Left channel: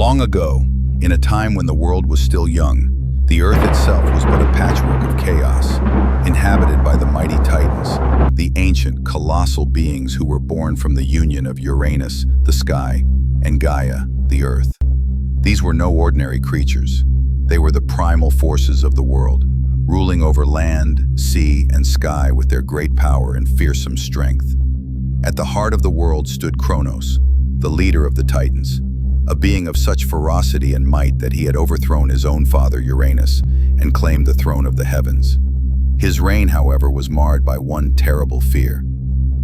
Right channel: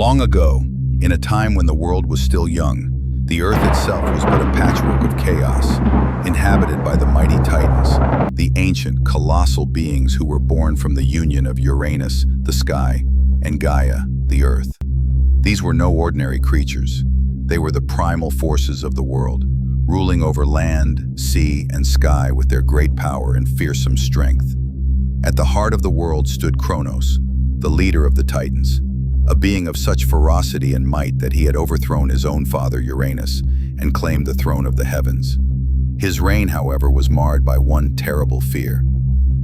Long ago, in a time when the world was still young, the earth itself was but a patchwork of chaos, inhabited by the mighty Titans, the ancient, colossal beings who were born from the union of Uranus, the sky, and Gaia, the earth. These were no ordinary creatures. They were the primal forces of the world, ruling over land, sea, and sky with their great power and fearsome strength. At the heart of the world stood Kronos, the leader of the Titans, a being of such ferocity and might that he had overthrown his own father Uranus and claimed the throne of the heavens. His reign, however, was marred by one terrible fear:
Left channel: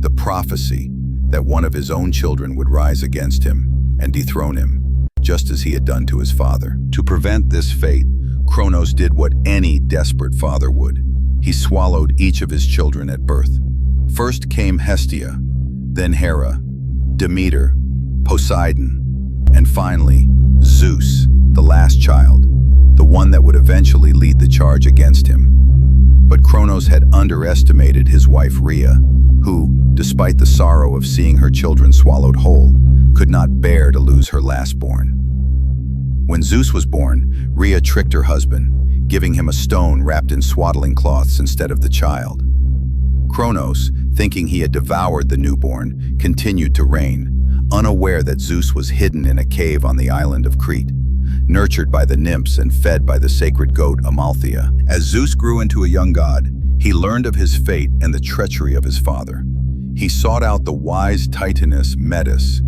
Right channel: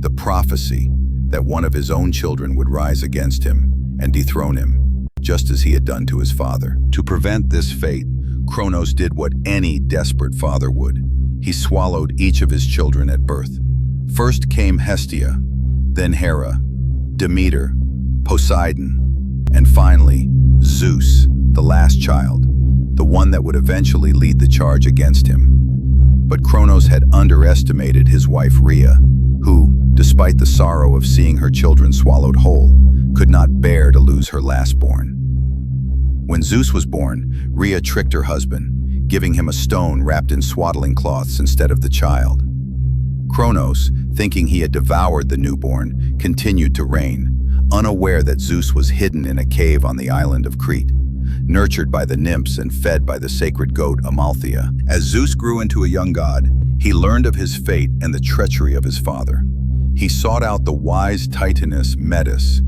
the prophecy that one of his own children would rise against him and dethrone him, just as he had done to his father. To prevent this fate, Kronos did what any desperate father would. He swallowed each of his children at birth. First came Hestia, then Hera, Demeter, Poseidon, and finally, Zeus, the last child, the one that would eventually lead the charge against him. But Kronos had underestimated his wife Rhea, who, despite the sorrow of seeing her children swallowed whole, could not bear to lose her lastborn. When Zeus was born, Rhea tricked her husband, giving him a stone wrapped in swaddling cloths instead of the child. Kronos, thinking he had devoured the newborn, continued to reign, unaware that Zeus was hidden in a cave on the island of Crete, nurtured by the nymphs and fed by the sacred goat Amalthea. As Zeus grew into a young god, he learned of his fate and the treachery of his father. He sought out the wise Titaness Metis,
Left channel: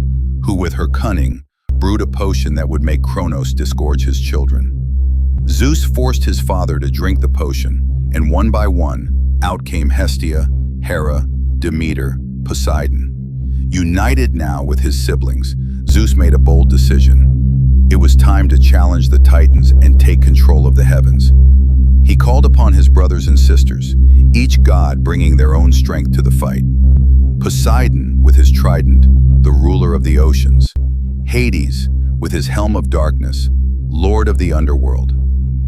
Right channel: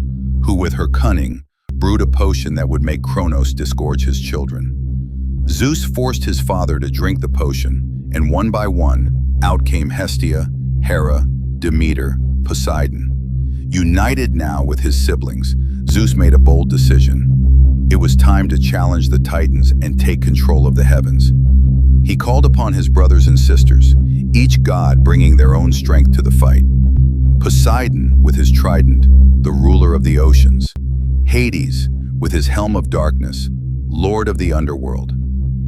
who with her cunning brewed a potion that would make Kronos disgorge his children. Zeus forced his father to drink the potion, and one by one, out came Hestia, Hera, Demeter, Poseidon. United now with his siblings, Zeus made a bold decision. It was time to challenge the Titans and take control of the heavens. He called upon his brothers and sisters, each god bringing their own strength to the fight. Poseidon with his trident, the ruler of the oceans. Hades with his helm of darkness, lord of the underworld.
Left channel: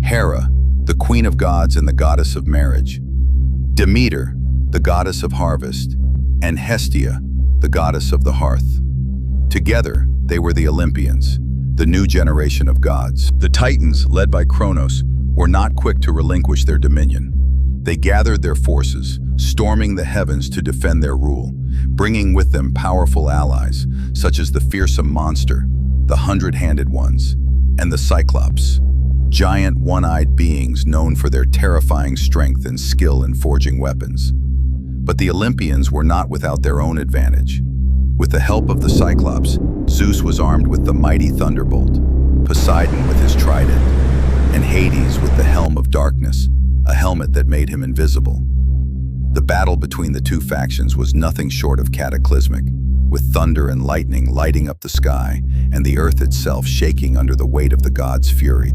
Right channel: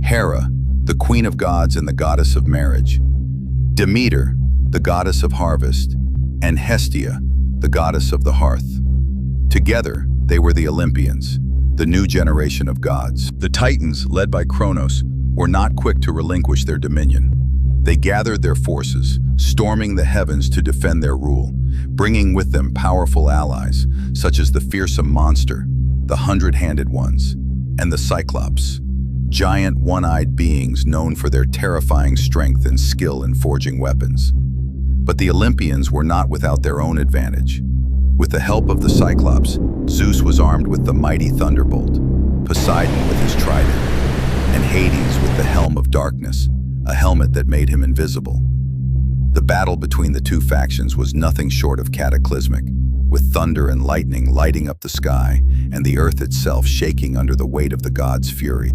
Hera, the queen of gods and the goddess of marriage. Demeter, the goddess of harvest. And Hestia, the goddess of the hearth. Together, they were the Olympians, the new generation of gods. The Titans, led by Kronos, were not quick to relinquish their dominion. They gathered their forces, storming the heavens to defend their rule, bringing with them powerful allies, such as the fearsome monster, the hundred-handed ones, and the Cyclops, giant one-eyed beings known for their terrifying strength and skill in forging weapons. But the Olympians were not without their own advantage. With the help of the Cyclops, Zeus was armed with the mighty thunderbolt, Poseidon with his trident, and Hades with the helm of darkness, a helmet that made him invisible. The battle between the two factions was nothing short of cataclysmic, with thunder and lightning lighting up the sky and the earth itself shaking under the weight of the gods' fury.